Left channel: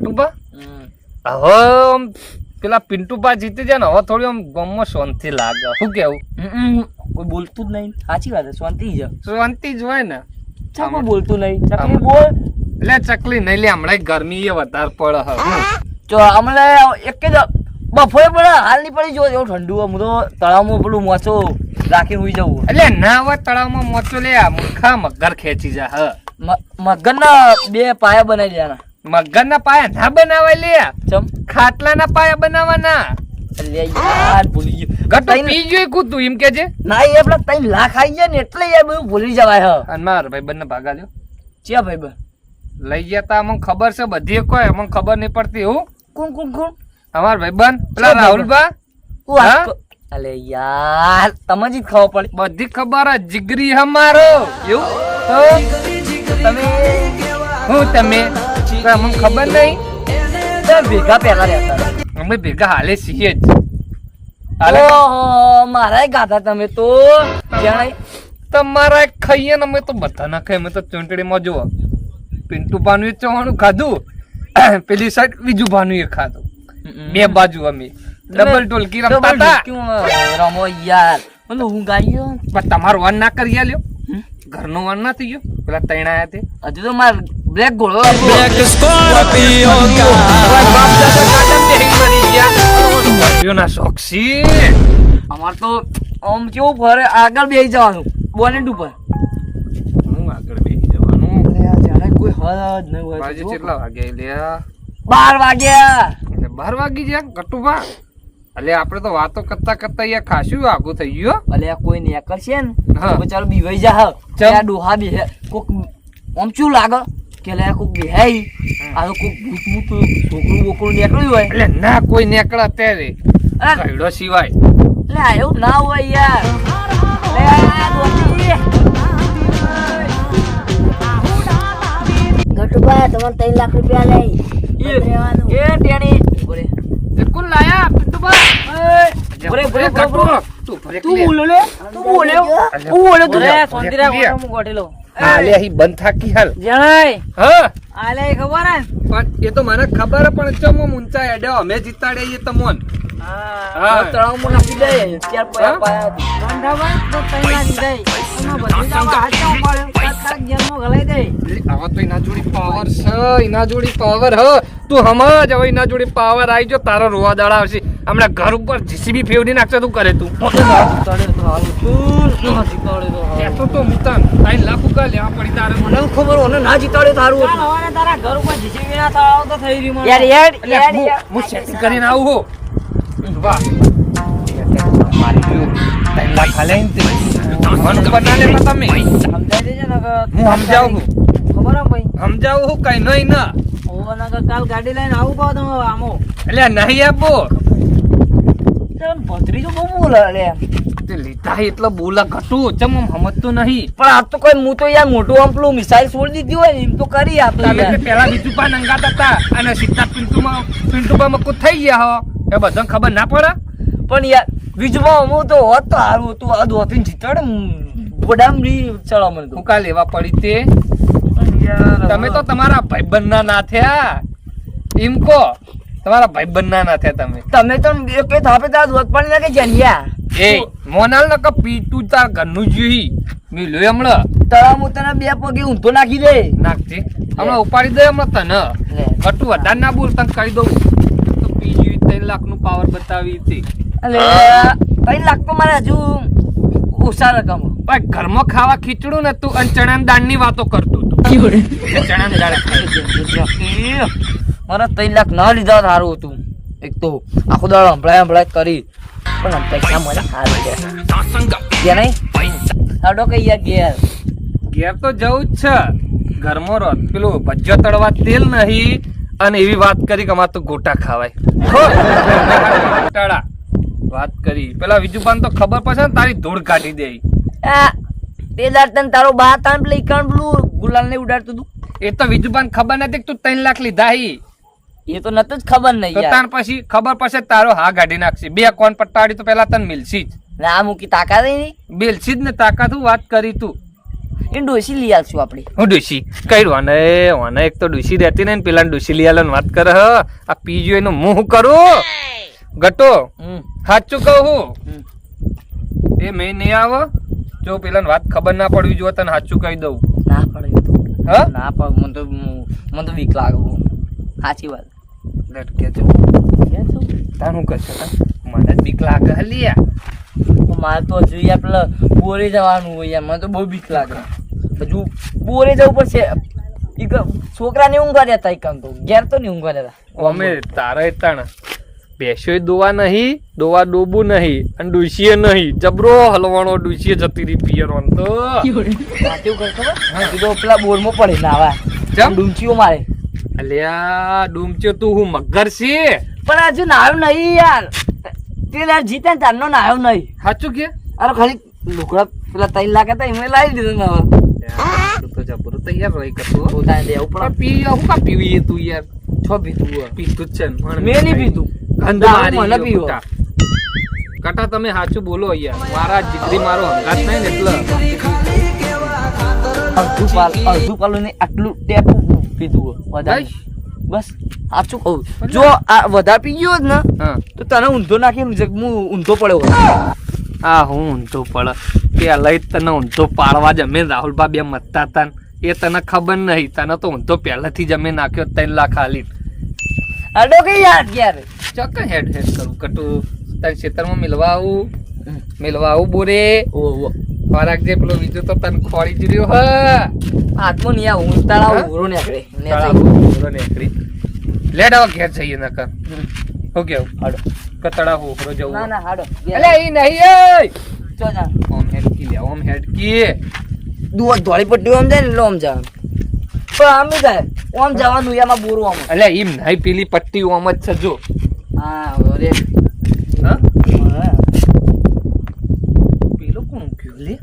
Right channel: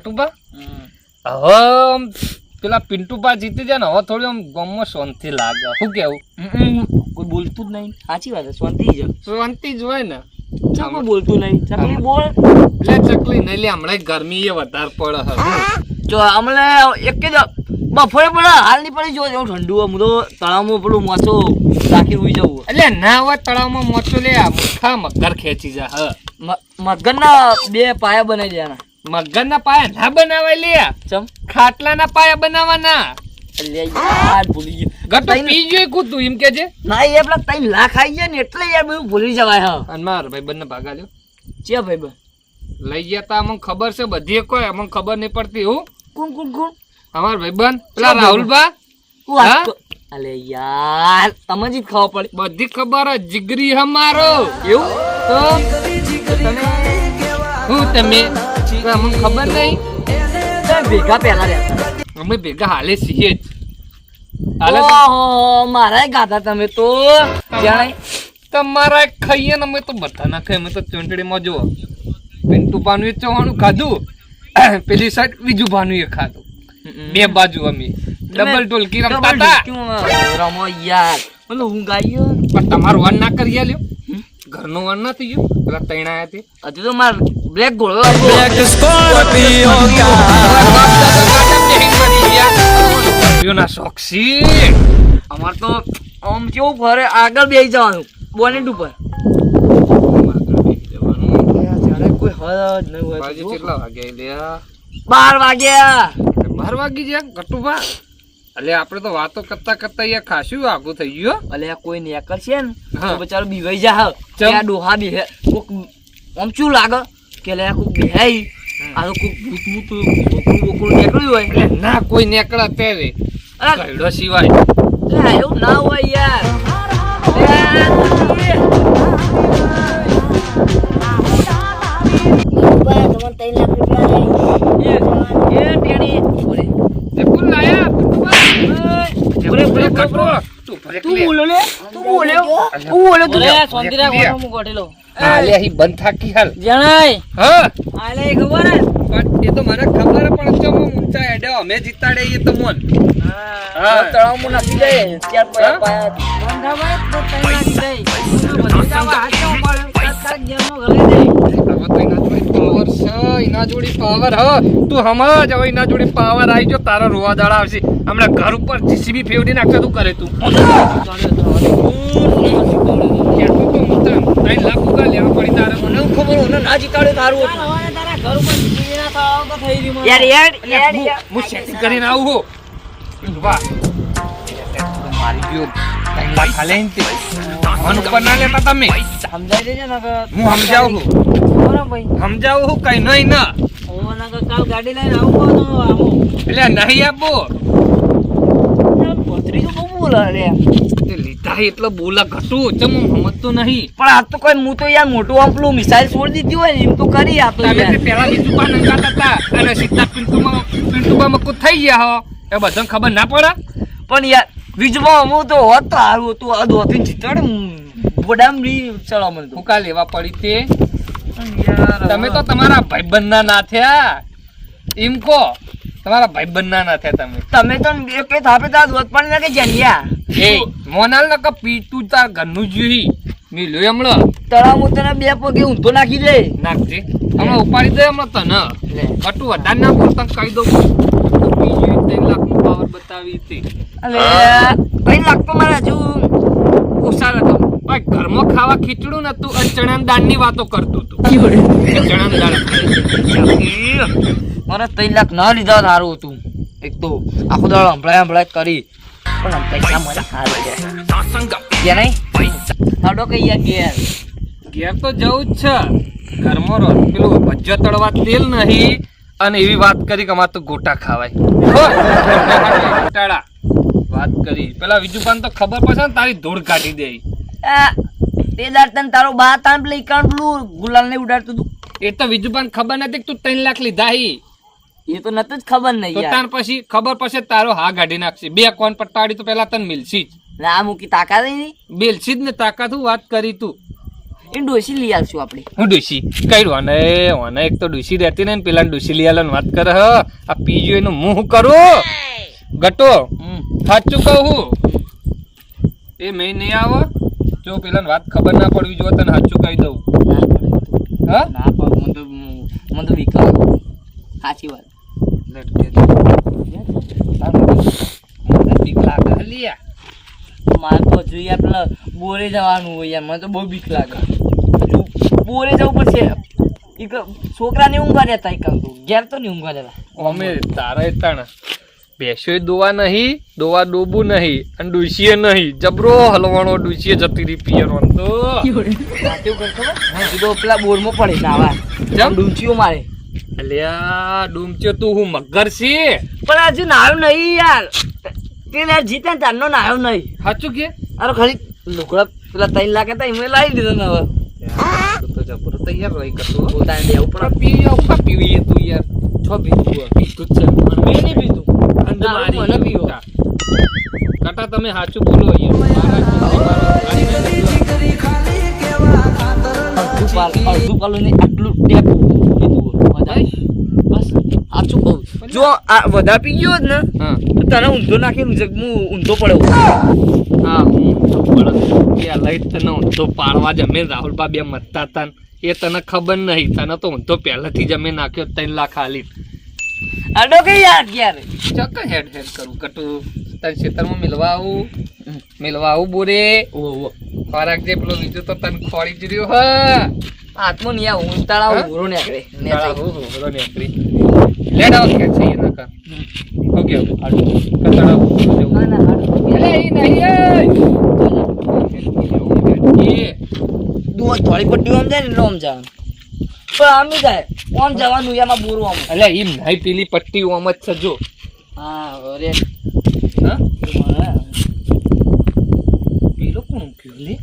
ગટુબા હવે આમ પેલા પિન્ટુબા જીતી જાય ને હવે થોડી આમ ગામમાં શાંતિ લાગે શું કેવું કોઈ બોલતું જ નહીં સાચી વાત શાંતિ જ જ હોય ને કોઈ બોલતું નહીં ચકલી બોલ એટલે ચકલી નહીં લે હમણાં ગરમી એ વધારે પડે હવે જો અમને એક જ બફોરે પડે હાલ નહીં પડી જો એવું ઠંડુ હું તો તળાવમાં પેલું મોચો રાખી હોઈ જવું એટલે ના હોય તળાવમાં મોચો લે મુખા મગર ખેંચી જા હ મગરના 2 પાયા બનાવી દેવાના મગર ના પાયા ના બનાવાય લે ચમ ખાટલા ના પાયા બનાવવાના લે યાર ભૂલી ગયો ગટુ પી જોઈ કૂતું એમ કે છે ના એ પેલા 3 લાખ આવી ગયા ને એટલે યાર બધું ભૂલી જવાય હ અને માર ભાઈ બંને ભાગા લ્યો ચે ભાઈ બન લઈ ગયા તા અમને ખબર છે બધી કોઈ અમને ખબર નહીં પડતી હું કોણ કોણ કોણ અમાર ભાઈબંધ પેલા રાહુલબા અલે યાર તમે જ ખબર પડી બધી ખબર જ જીગરી હમારો એવું તો તમે અમને ખબર નહીં ભેગા પહેલા રહેતા અમે ભેગા હાલે છીએ જ હાલે ઓહો મારા ગાતા તમે તો જાણે તમારા ખાઈએ ને અમે તો બધા ના ખાઈએ અમે તો ચૂંટણીમાં જુઓ પિન્ટુ ભાનું ચવાણું ખાધું પેલી સાઈડ બીજું ભાનું એ ખાધું 2 બાજુ અમે ડબલ ટોલકી રમતા હતા રમો યાર મને હું ગાયો પણ તમારો વન ના કરી આલ્યો ઘરનો વન ના થઈ ગયો પેલા તૈણ આયા તે હજુ તો માર બ્લેક ઘોડો ના શોખસી અમાર તો આમ કેવું ફરે આગળ બેસી જવાનું બોનેટ ઉપર કોઈ હદ નહીં હોય બાજુ કેટલા વાગ્યા લ્યા 12 વાગ્યા 12 વાગી ગયા ગટુભા અલે આપણે તો વાતો કરતા કરતા યાર ખાસું આગું થઈ ગયો અલે કોઈ ને એકલ છે ને હા. બચારો બીવાઈ જા આ ડોહા બી હે કોક આમ શું લાગે કે લે કોક બેહી આ કોક ભૂત ભૂત ઓકળું નીકળ્યું હોય એટલે ના કોઈ નીકળે ત્યારે અરે કઈડો સિવાય લે એવું ના હોય યાર તમને 3 લાખ રૂપિયા લે એ ટેણી તે કોણ લાયા પિન્ટુભા બોલે તું તું બોલ્યો લે તું બોલ્યો તું શાંતિ રાખ હું ગોઠેલો હા લે અહીં બંધ થાકી હાલ જણાય હા આલે ખબર હે પણ એ તો મને ખબર હે પણ ચમ ઊંચા એડ્યો અમે જીતાડે એ તો મોન હા તળાવમાં નાખી દે ત્યાર પાયા બંધાભાઈ તો તઈ નાખી દે એના જોડી પાવર હ તું સમજ હવે એના જોડી પાવર આવી જો તારો રોવા દાડા આવશે હમણાં ઘર ઉપર જીસીબી ફેવડી નાખશે તું કરે તું કેતો તો મુતા 3 લાખ ઉગા લેવા પડી તારે મને ખબર ઓને ના જીતાડે તારું હવારે તારા ઘર ઉપર જીસીબી ના થાવ તો થઈ રહ્યું યાર હું સેટિંગ કરીને આવું હો વાહ મારી 3 લાખ હાલે ઇનતે મન ઉપર ના લેતા તમે સમજાઈ દેજે ને કે હું સમજાવું છું ખબર ભાઈ સમજાવું હું કઈ નહીં ના ઓના કે કાલ ગાડી લઈને આવું તો આમો એટલે નહીં આપો પથરી તો બહુ બોલે લે તે લીધા એટલે બોલા ઘટું ચમ સમજતો નહીં પણ આ તો કોઈ હું તો યાર મોટું આમ પેલું મિસાઇલ છોડી દીધી હોય ને એમ તો કરી આપતો તમે યાર પેલા બીજું પાન અંગાતા હતા અને સીધા પિન્ટુમાં કુછ થઈ ગયા હો એ બધાને ખબર ના પડે પણ યાર બીજમાં અમુક તો હોત તો સારું હતું આ દોતીને જીતાડે બડામડી ચલો મને તો ફૂકા લેવા પડી તે યાર તમે તો તમારા ભાઈબંધના ના થયા એમ કહો તમારા ભાઈબંધના ના થયા તમે તમે તો એક થાપે તાર દોત પાણી નાખે જણ્યા એ મોનાલ ન કે પીટું તાર ઘરનું જોઈ મિલ્યો હમણાં તળાવ તને 2 પગે ઊંધો નાખી દે નાખજે હમણાં ઉપાડી દે હમણાં તને ખટું વધારે ના બોલ તને કહી દઉં તો બીજું 3 લાખનું પાવર બતાવી હતી અલે 3 લાખ તો મારે હજુ ઓછા રકમ ભાઈ ઘરમાં ખાવા ખીચડું ને તું અને ચણા દાળની વાતો કરતું તું ચણા દાળ મને 3 લાખ ના લીધા સારું હતું એક તો આખો દાડો હંભળાય કરી પણ પૈસા મને સારું કે નહીં સાડો કઈ યાર ઘેર તો જવું જ છે ઘરમાં રહો પેલું ભજ્જો તળવા તેલ નહીં અને એવી વાત કરી કે અમારે તો ગોટા ખાવાય ગોટાળા વાત કરી પેલા વિજુપાન તો ખબર પડશે ને તારી ધૂળ કાઢી દે તે દાડ તને તારો બા તાન લઈ કાણ પેલું ગુલાલ ને ઉડાડતું તું એ તો વિજુપાન ખબર નથી કે તું 3 લાખ લીધા હી એ તો નતું જ ખબર નહીં તો યાર તાર પછી ખબર પડશે તારો હા ગાડી નાખશે 2 કોણ પટ્ટાડી તો પેલા તને મિલસી જ ના મૂકી તાકાત નહીં મિલસી જ ને તાકાત હું વાત કરી તું એ ડોસી લઈ આવશું આપણે. હું ડુસી કઈ વાને એક તો ડુસી રહેતી ને પેલા ડુસી લઈ આલો વાત કરે હ આ પીજો એનું મું હું કરું ગટો સાચું કહું હું એ મેં નહીં આવો જો પેલા વાત ખબર ના પડવી જો તને સાચું કહી દઉં ના પડે હા ના પડે મને તો બીક લાગે સાચી વાત. લટકે તારું મને બીક લાગે હલિયા મારે તો જોઈએ પેલા બોરે જવાનું હોય યાર મને તો બહુ બીક લાગે. તું બોરે જવું પડશે. છોકરાને ઊંઘવા દેતા એક કામ તો ઘેર તો નહીં ઊંઘવા દેતા. અમે તારા તાણ બેસ્યો દોવા નહીં દોવા ડોબું નહીં અને ડુસીએ નહીં જબરો હલવાણો ડુસીએ જતી રહી પિયરવાન તો સાચું કરશો તો પેલા બોરમાં પડે નાવા જમ ડૂંચીઓ મારે. અલ્યા ડૂમચ્યો તું હું મગર છે પણ આજે નાયો નહીં યાર તે યાર જીતે ને તારનો નાયો નહીં. સાચું કે અરે ખાલી લુકડા પેલા 3 લાખ હતા એમને લાવી દીધો ને હવે તું તો જબરો તૈયાર રહી કરતો પોતાને દેવું પણ પી આવું પીવી તું યાર છો પીધું પીતું જ છે મેં નહીં પીધું અંધ મને મારી પીવો. કટા તમે સાચું બોલો યાર મારા જીતી મારો હંગાત નહીં એટલે અડધું પાલું ને આટલું ટેપ પીધું વધારે બસ સાચું કહું જો આ વધારે પી ગયો જ ને હા તો તને ઊંધો નાખી હું ઊંધો પડ્યો. હા હું ઊંધો પડે કે લઈ તને ઊંધો પાડવા જમે રાહુલબા બે મતતા હતા ને એ તને ખબર નહીં તને તો ઊંધો પહેલાથી જમે નાખ્યો 3 લાખ આલી અડો કે યાર ક્યારે ચોક્કસ હેડ કરું કટું તારી ખેતરમાં મિલવા આવું બોરે ખોરાક જે પેલો લીધો તો તને ખોરી જ રહ્યો હા હાથમાં નહીં આવું તળાવ ઉરો નીકળે નીકળી લેડ આવો ખેર છે એના કર ઓકે કતડા હું જવું ના ના હાડો અલે એ નહીં એ તો જા હેડકી દુવા ધોળી પટ્ટી આમ જાય ને એટલે આમ જવાનું પણ આમ જાય આમ જવાનું એમાં બોરું આમ અલે એમ નહીં પેલી પટ્ટી ઓમ જ છે જો હા અરે હા હા. પેલો કોણ ગયો લે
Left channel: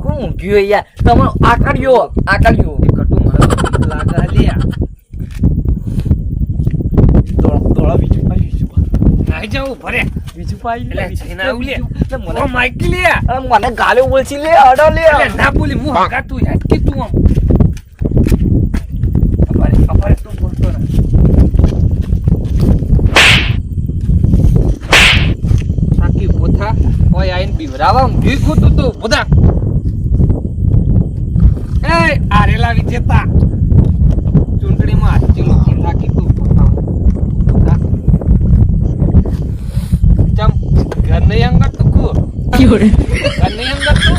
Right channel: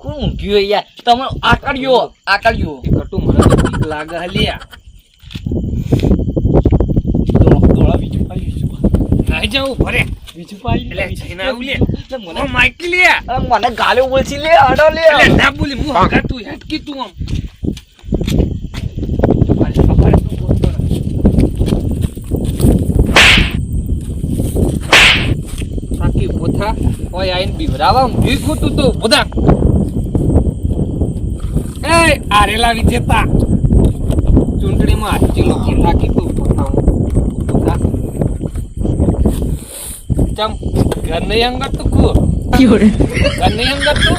કોણ ઊંઘ્યું યાર તમે આકડ્યો એ કટુ મને તો બીક લાગે હલિયા ધોળા બીજું પાઈ નહીં જાવ ભરે બીજું પાઈ એટલે છેના આવું લે મને ઓ માઈકી લે મને ગાલે બોલશી લે અડો લે એટલે ના બોલી હું હકા તું હેડકી તું આમ મારી ખબર તું બોલતો રહે થાકી પોથા ઓય આઈન બીવરાવા ઊંઘી ખોતું તો બોધા એ આરેલા વિજેતા ચૂંટણીમાં હાચી લોકો થાકી તું પોથા બોધા ચમ ઘર નહીં અંગત તું કો ઘર નહીં અંગત તું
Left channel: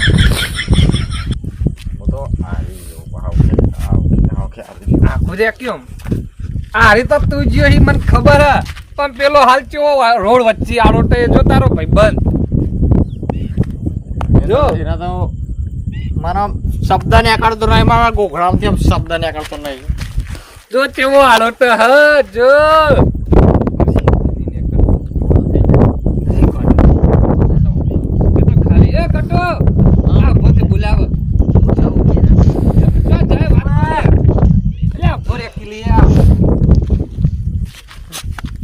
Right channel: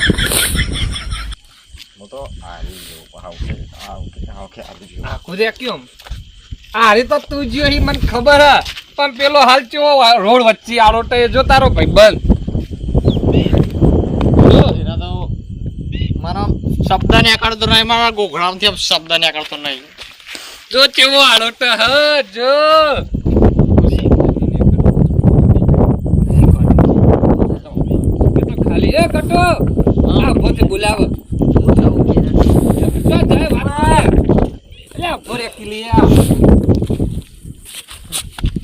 આખું રે કેમ આરી તો તું જ્યો હી મને ખબર હ પણ પેલો હાલ ચેવો રોડ વચ્ચે આડોટે જો તારો ભાઈબંધ જો એના તો મારા શબ્દ ને આકડતો નહીં મારા ગોખડામાંથી આમ શબ્દ ને આકડતો નહીં જો ચેવો આડોટે હ જો ખાલી એ કટો આ પોતે બોલાવ જાય વાત એટલે ભરે કિલિયા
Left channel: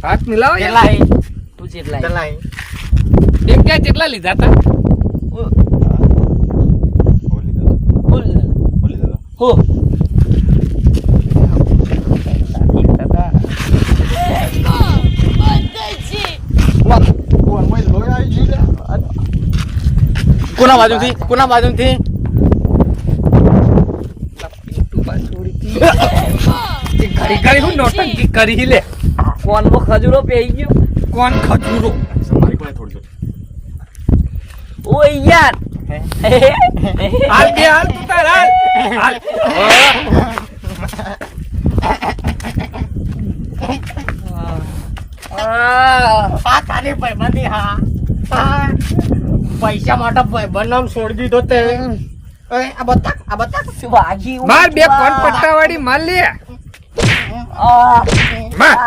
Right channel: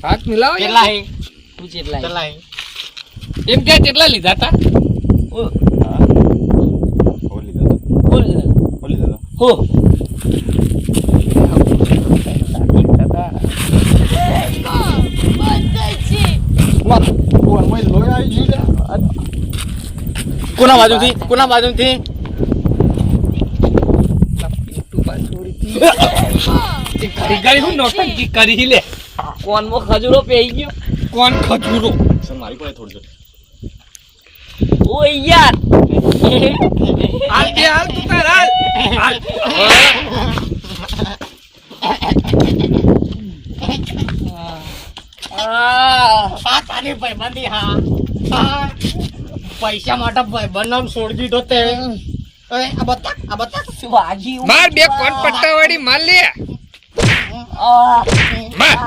હાથ મિલાવો કેટલા હે તું જેટલા કેટલા હે એમ કે કેટલા લીધા તા બોલ હો કોના બાજુથી ઘડી ઘડી હું નોટંકી કરી લે કોનમાં ખજૂરો પેઈ ગયો કોણ ખજૂરો મારી કોલે થોડજો ઓ યાર હાલ બે હાલ તું તાર હાલ આ તારી ભાઈબંધી હા પૈસા માટે ભાઈબંધ નામ છોડી દીધો તે આ બતા શું વાગી માર બે કોણ પટ્ટાવાળી માર લે માર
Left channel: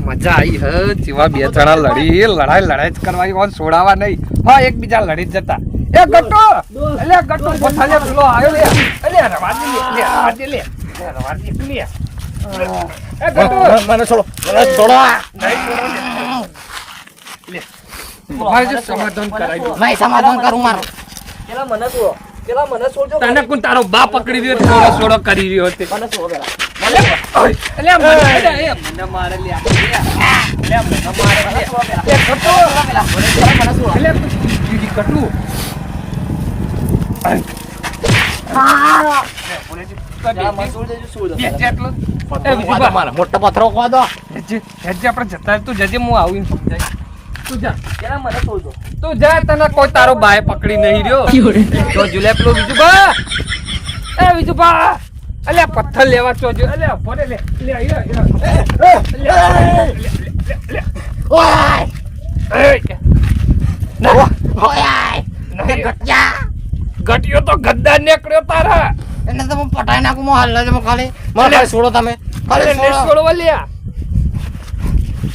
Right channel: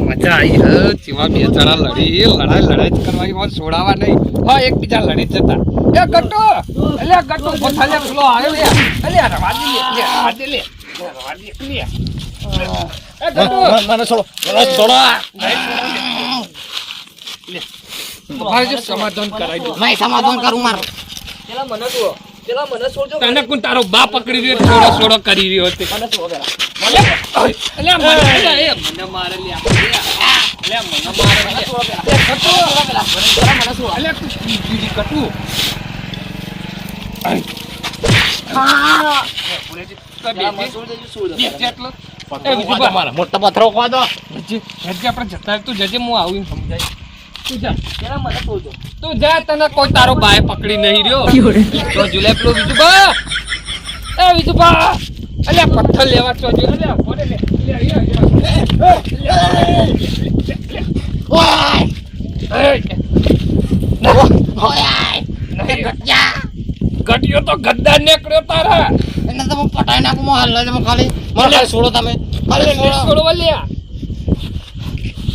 મજા આવી હ ચીવા બે જણા લડાઈ જ કરવાની ઓર છોડાવા નહીં હા એકબીજા લડી જ જતા એ ગટ્ટો અલે ગટ્ટો બથાલે પેલો આવ્યો લે અલે રવાજી લે રવાજી લે એ ગટ્ટો મને છોડો મારે જો સમાધાન કરાવી દો. નહીં સમાધાન કરું મારું. પેલા મને જુઓ. પેલા મને છોડજો. તને કોણ તારો બા પકડી રહ્યો છોડો છોડો કરી રહ્યો હતો મને છોડો પેલા. અલ્યા મને અલ્યા, એ મને મારે લે અલ્યા મને મારે લે મને છોડો. અલ્યા તું દીદી કટુ પેલા મને છોડી દેજો, છોડી દો. એટલો એ વિજુબા મારા મોટો પથરો ખવા દો. હેજે આપણે જતા તું જજે હું આવીને સમજાય તું જા પેલા મને છોડજો. તું જા તને કોઈ તારો બાય પકડી નહીં રહ્યો તો જુલે પેલો વિજુબા એ વિજુબા અલ્યા પથ્થર લેવા ચોજો અલ્યા ભોડે લે લે ઓય ગટિયો તો ગદ્દાર નીકળ્યો તારા એને તો હું પટાઈ નાખું હું હાલ જ ખાલી મને ખાલી છોડો તમે ખાલી લે છોડવા લ્યા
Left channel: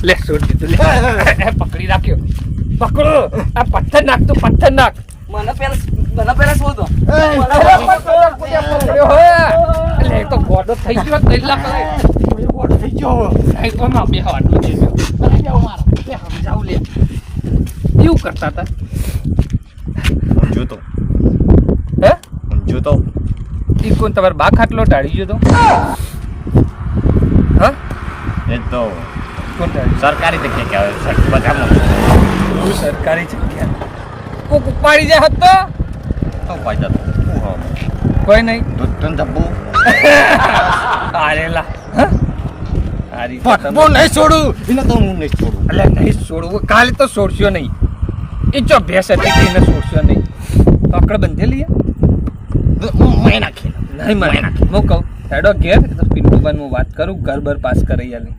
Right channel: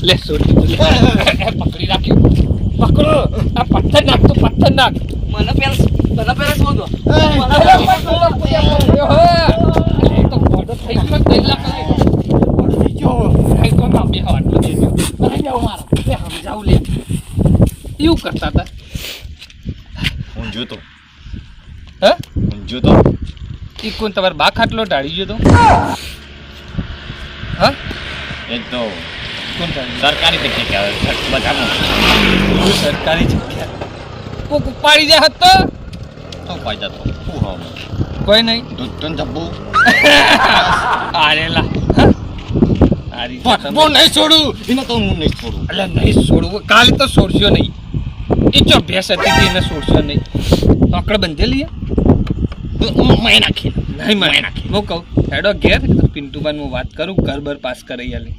લે છોડ દીધું લે પકડી રાખ્યો પકડો આ પથ્થર નાખ તો પથ્થર નાખ મને પેલા છોડજો. એ તો ગોડો થઈ ગયો 3 લાખ લાય તો ના બે આટલો દેજો લે સમજાવ લે એવું કરતા હતા જોતો હે જોતો ઈ કોણ તમાર બા ખાટલો ઢાળી ગયો તો હા એ તો કોણ ઢાળી સરકારી જગ્યા કે બધામાં સરકારી જગ્યા કોક ઉપાડી જાય હતો તો પાઈ જતો હું હા કોઈ નહીં દૂધ તો જબ્બુ આરેલા આરી હું નહીં છોડું એને તો હું નહીં છોડું એટલે નહીં છોડવું કાલે તો છોડશો નહીં એ જો ભેંસ હતી એને છોડશો નહીં પકડ બંધેલી મેં નાખી નહીં મને હું કહું હેડો ઘેર પિન્ટુબાન હું વાત કરું ઘર બર પાસ કરી આલે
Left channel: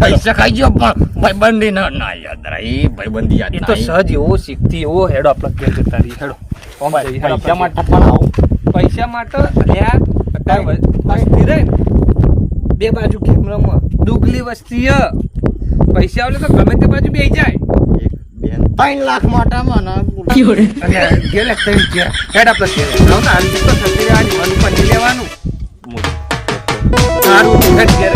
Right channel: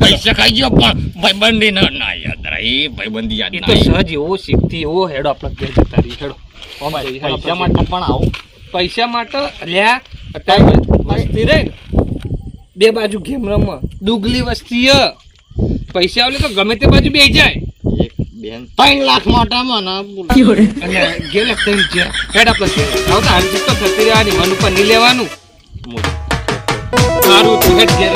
પૈસા ખાઈ ગયો પણ ભાઈબંધી ના યાદ રહી ભાઈબંધી યાદ એ તો નહીં. સહજ એવો શીખતી એવો હેડો આપણે ઘેર જતા રહી હેડો પૈસા માટે પણ આવું પૈસા માટે અલ્યા અત્યારે વસ્તી રે ને, બે બાજુ ગેમ રમવા દુગલી વસ્તી હ. પૈસા આવલે તો ગમે તે બાજુ બેસી જાય એક બેન 3 લાખ માટે મને અને ઘેર થઈ ગયા હેડ આપણે ઘેર આવ ને હાલ તો થતી રહેવાની મન ઉપર નહીં લેવાનું મોટું. સારું હેડ ઘેર